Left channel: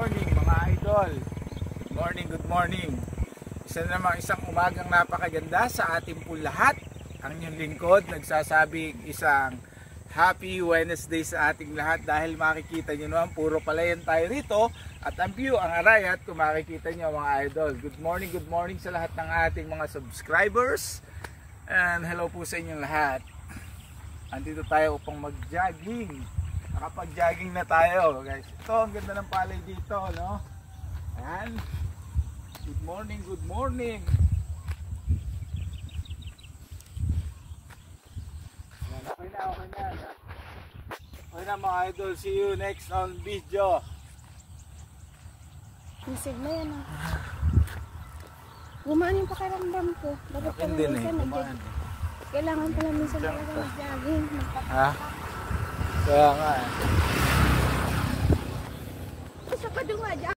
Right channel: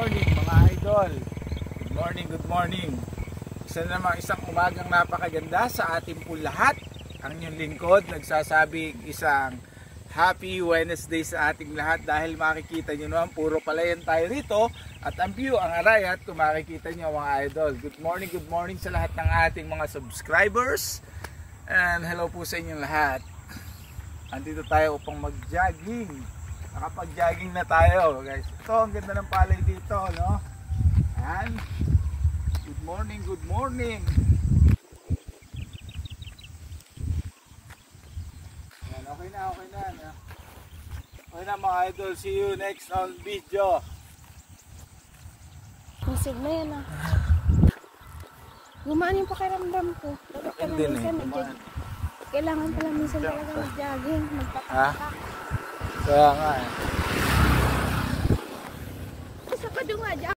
morning mga idol. Good morning. Isang umagang napakaganda sa ating po lahat. Ang inyong lingkod nagsasabing isang happy Wednesday sa ating lahat dahil makikita nyo naman puro palayan tayo rito at ang view, ang arayat kung makikita nyo mga idol. Good morning sa lahat ng ating mga subscribers and hello po sa inyong lahat. Andito tayo upang mag-jogging. Nakapag-jogging na tayo guys. Ito ang ganda ng palay dito, no? Ayan. Good morning. Ayan, okay na. Okay na mga idol. See you next on video. Masig na yan ah. Gumaan yung pakaramdam ko. Hindi na yun. Kailangan pa namin sa talaga mag-jogging. Ha? Kaya nga eh. Sa kadunga dyan.